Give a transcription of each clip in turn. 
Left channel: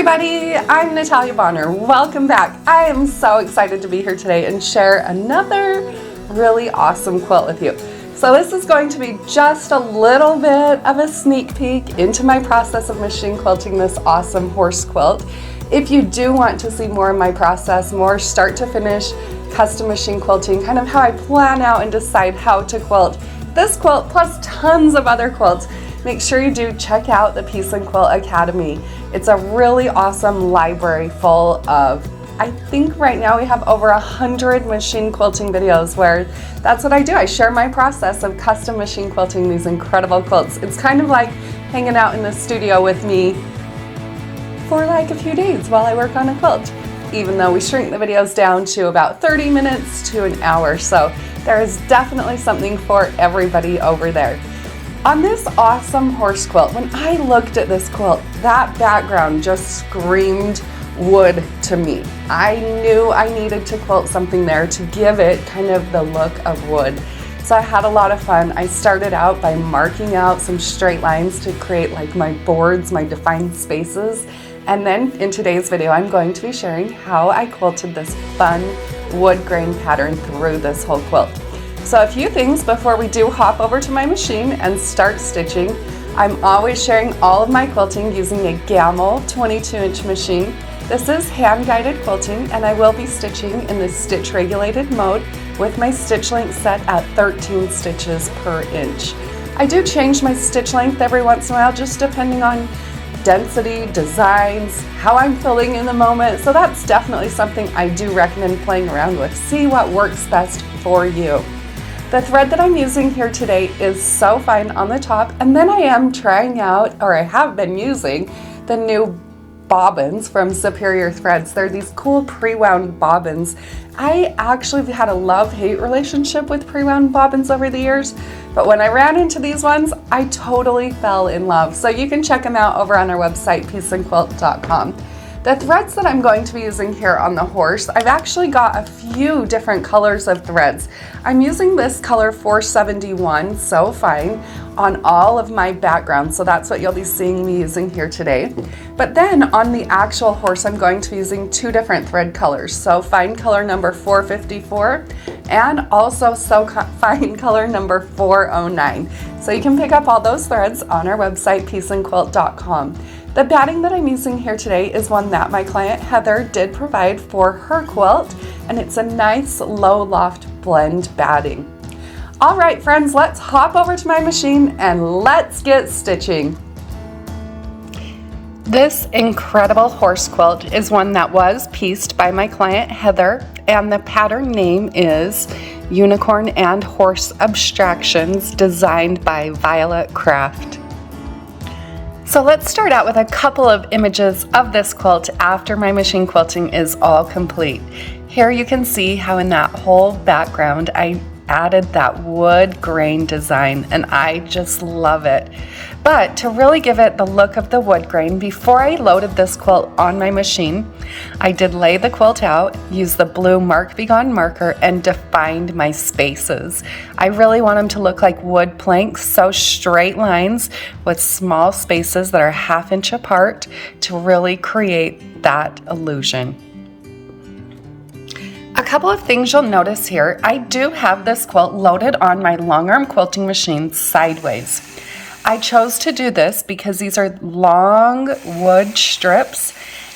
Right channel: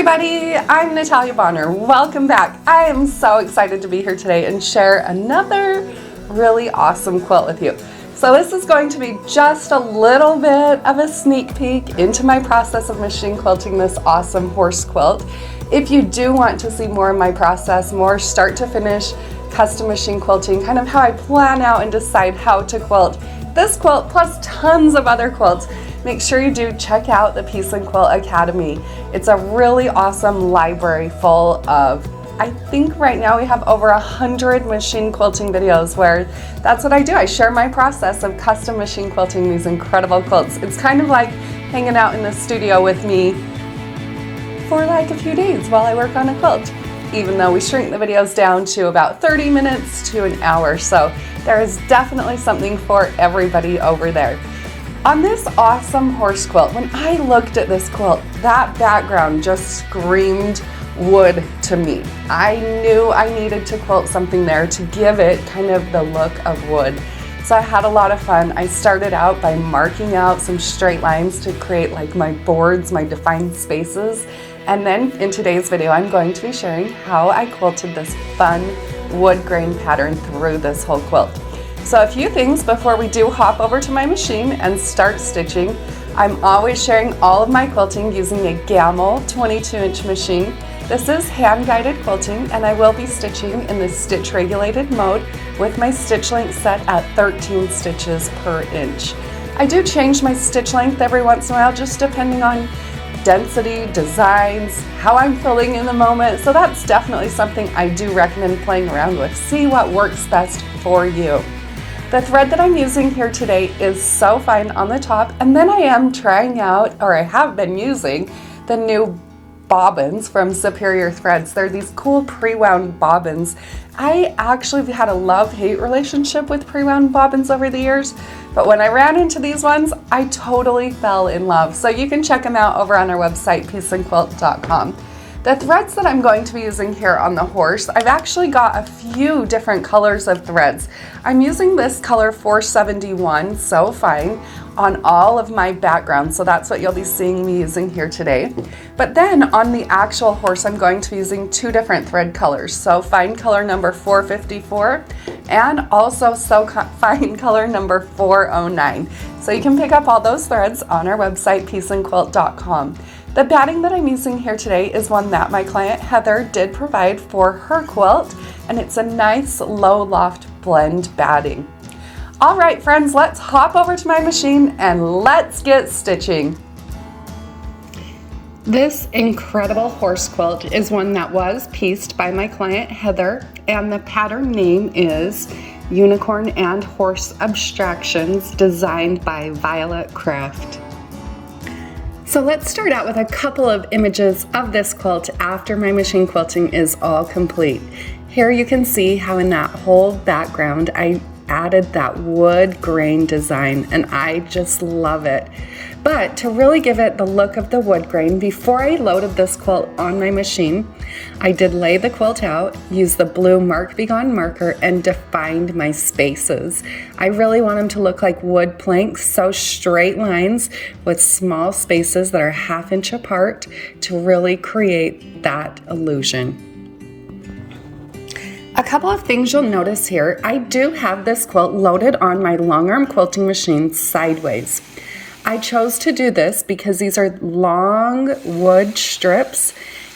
everybody, I'm Natalia Bonner. Welcome back. I am so excited to be here today and share another really awesome quilt with you. So this is going to be just a little bit of a sneak peek into my process of machine quilting this awesome horse quilt. If you do want to see more of my process, more start to finish custom machine quilting, kind of how I plan out and decide how to quilt this quilt plus tons of other quilts, make sure you do check out the Piece and Quilt Academy. It's a really awesome library full of, I think right now we have over 100 machine quilting videos where that's what I do. I share my process of custom machine quilting these incredible quilts. It's kind of like hanging out in the studio with me for like a few days while I work on a quilt, even though we shrink the videos down to about 30 minutes to an hour. So there is definitely something for everybody over there. On this awesome horse quilt, when I looked at this quilt, that background just screamed wood to me. I knew I needed to quilt something there to give it kind of the look of wood. So I had a lot of fun. I started out by marking out some straight lines to create like my boards, my defined spaces. And then in today's video, I'm going to be sharing how I quilted this fun wood grain pattern through this whole quilt. So a few things before we do hop over to my machine and start stitching. I'm always sharing all of my quilting using a Gamble 22-inch machine. This is hand-guided quilting, and I will be stitching in the stitch regulated mode with my stitch length set at 13 stitches per inch. I do change my stitch length every once in a while, just depending on density, designs, how I'm feeling in the moment. So that's definitely something I do recommend playing around with. See what works best for you. The thread that I'm using here today is so fine on the top, and then I am trying out, or I have been using, the new bobbins from Superior Threads. They're these cool pre-wound bobbins. I actually have had a love-hate relationship with pre-wound bobbins over the years, but when I ran into these ones, I totally fell in love. So you can check them out over on our website, pieceandquilt.com. The threads that I'm going to be using here on the horse, I've actually got a few different colors of threads. I'm using this color 471, so fine, on all of my backgrounds. So that's what you'll be seeing me using here today. But then on the actual horse, I'm going to be using two different thread colors. So fine color number 454 and also so fine color number 409. So you can pick up all those threads on our website, pieceandquilt.com. The batting that I'm using here today is one that my client Heather did provide for her quilt, and it's a nice low loft blend batting. All right, friends, let's hop over to my machine and let's get stitching. This incredible horse quilt is one that was pieced by my client Heather, and the pattern name is Unicorn and Horse Abstractions, designed by Violet Craft. So let's start out with a couple of images of this quilt after my machine quilting is all complete. Here you can see how in that whole background I added that wood grain design, and I just love it. But to really give it the look of the wood grain, before I loaded this quilt on my machine, I did lay the quilt out, used the blue Mark Be Gone marker, and defined my spaces. I really want them to look like wood planks, so straight lines with small spaces that are 1/2 inch apart to really create that illusion. A couple of things you'll notice here, I do have this quilt loaded on my long arm quilting machine sideways. I chose to do this because these are long wood strips,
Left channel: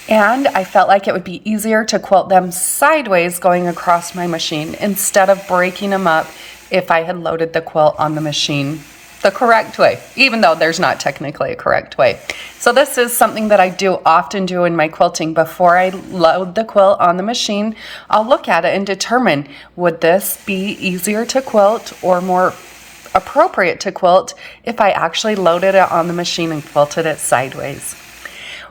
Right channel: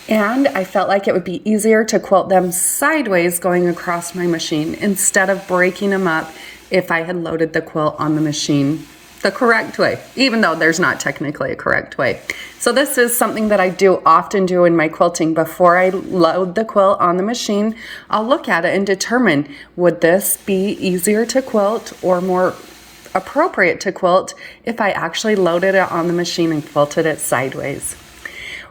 and I felt like it would be easier to quilt them sideways going across my machine instead of breaking them up if I had loaded the quilt on the machine the correct way, even though there's not technically a correct way. So this is something that I do often do in my quilting. Before I load the quilt on the machine, I'll look at it and determine, would this be easier to quilt or more appropriate to quilt if I actually loaded it on the machine and quilted it sideways.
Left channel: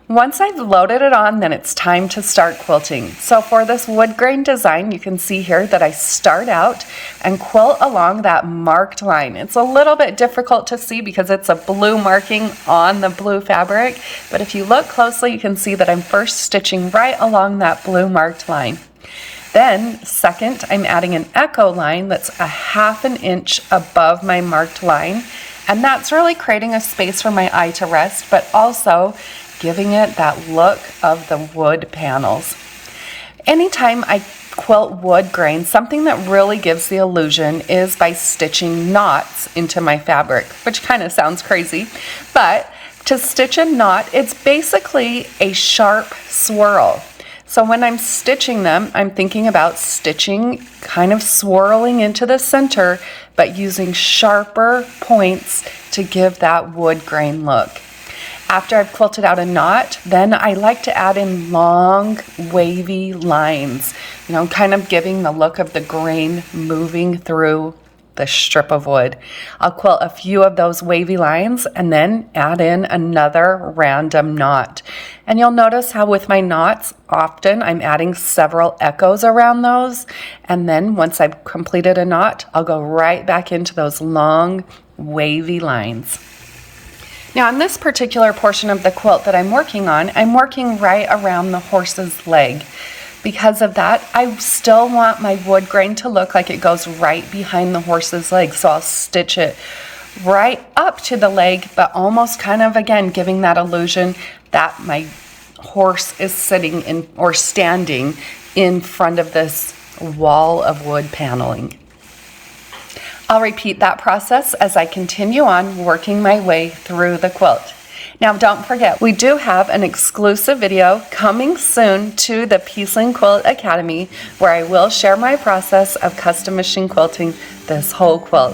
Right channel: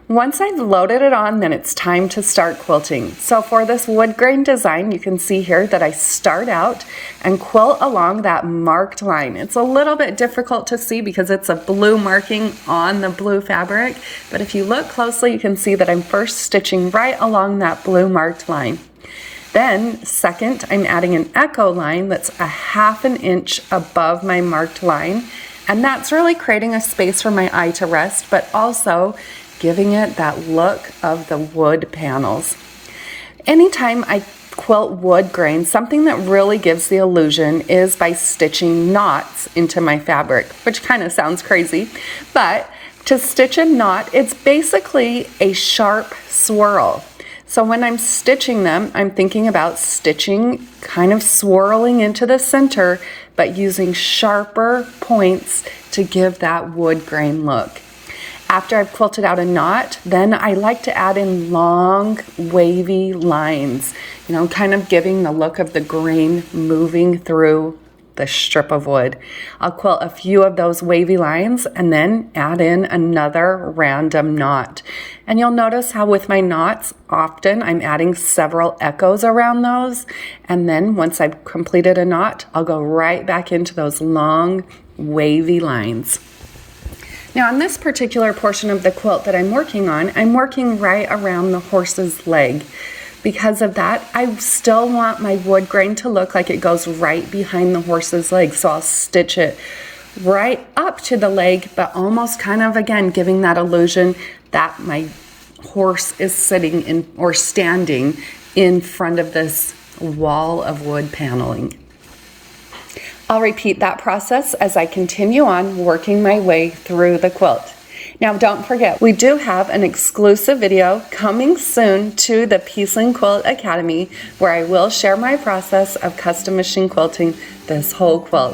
Once I've loaded it on, then it's time to start quilting. So for this wood grain design, you can see here that I start out and quilt along that marked line. It's a little bit difficult to see because it's a blue marking on the blue fabric, but if you look closely, you can see that I'm first stitching right along that blue marked line. Then second, I'm adding an echo line that's 1/2 inch above my marked line, and that's really creating a space for my eye to rest, but also giving it that look of the wood panels. Anytime I quilt wood grain, something that really gives the illusion is by stitching knots into my fabric, which kind of sounds crazy, but to stitch a knot, it's basically a sharp swirl. So when I'm stitching them, I'm thinking about stitching, kind of swirling into the center, but using sharper points to give that wood grain look. After I've quilted out a knot, then I like to add in long, wavy lines, kind of giving the look of the grain moving through the strip of wood. I'll quilt a few of those wavy lines and then add in another random knot. And you'll notice how with my knots, often I'm adding several echoes around those. And then once I've completed a knot, I'll go right back into those long, wavy lines. Now on this particular portion of the quilt that I'm working on, I'm working right around the horse's leg. Because of that, I still want my wood grain to look like it goes right behind the horse's leg. So I'll stitch it right up to the leg, but almost kind of, again, giving that illusion that my horse is sitting in or standing in front of this wall of wood paneling. I'll repeat that process as I continue on working my way through the quilt. Now don't forget, we do have an exclusive video coming soon to the Piece and Quilt Academy where I will share my process of custom machine quilting this whole quilt.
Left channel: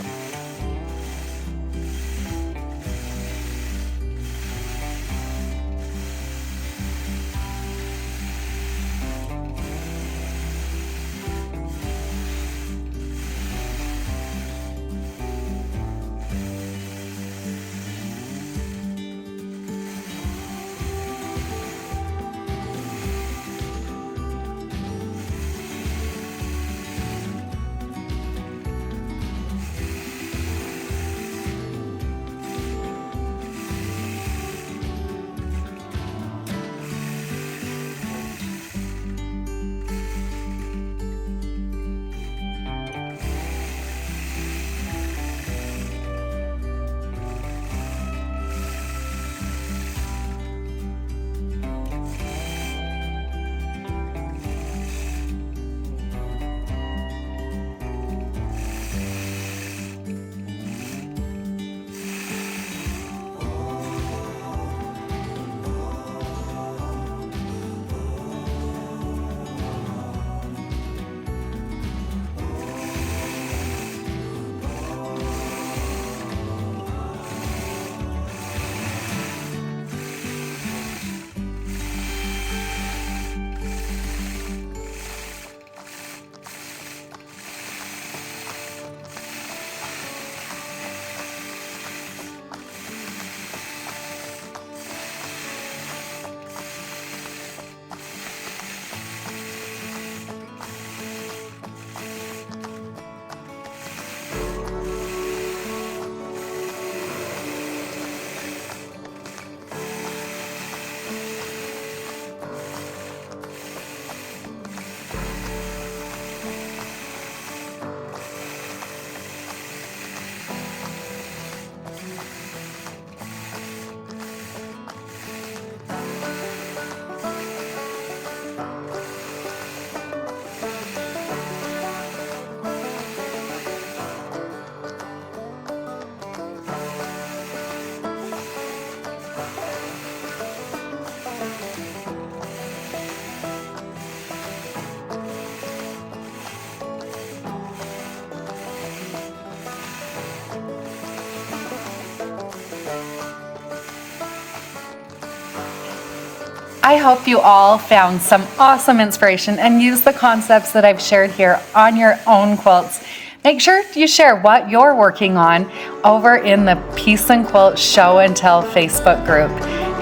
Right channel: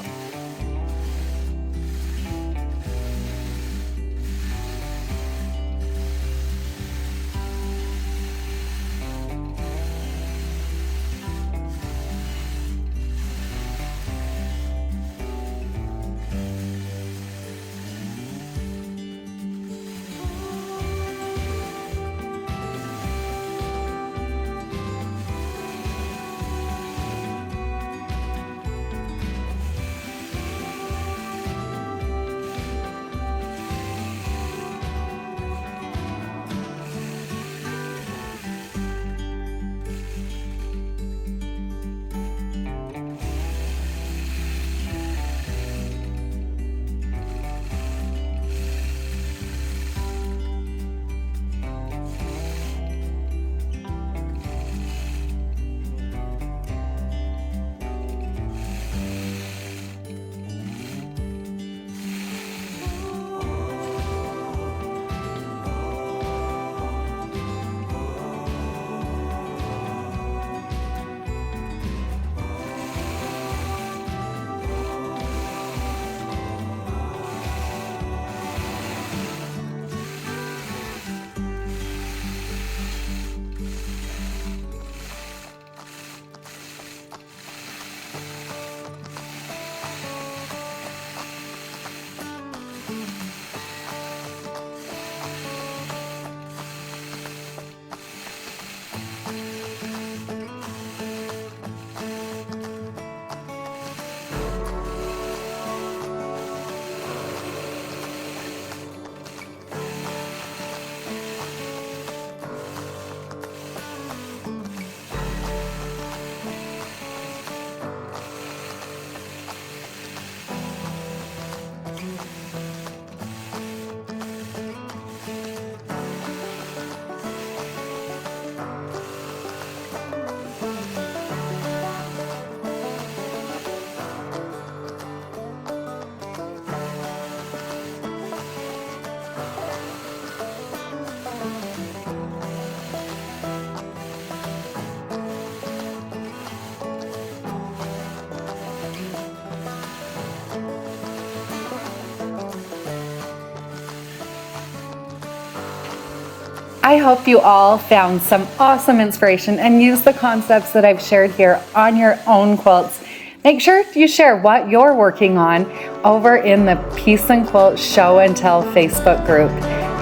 I hope you all found some awesome inspiration and used the concepts that I've shared here on your own quilts. Make sure you share what you're working on over in the Piece and Quilt Show and Tell Facebook group.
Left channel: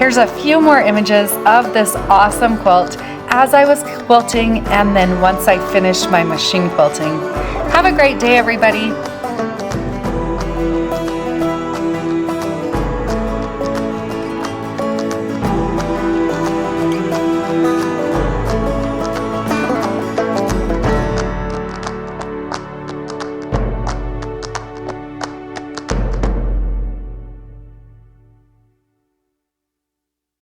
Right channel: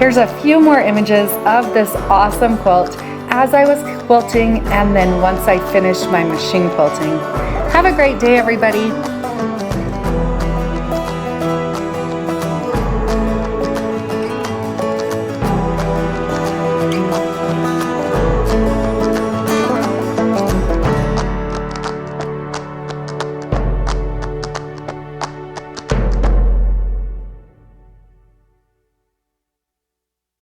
Here's a few more images of this awesome quilt as I was quilting and then once I finished my machine quilting. Have a great day, everybody.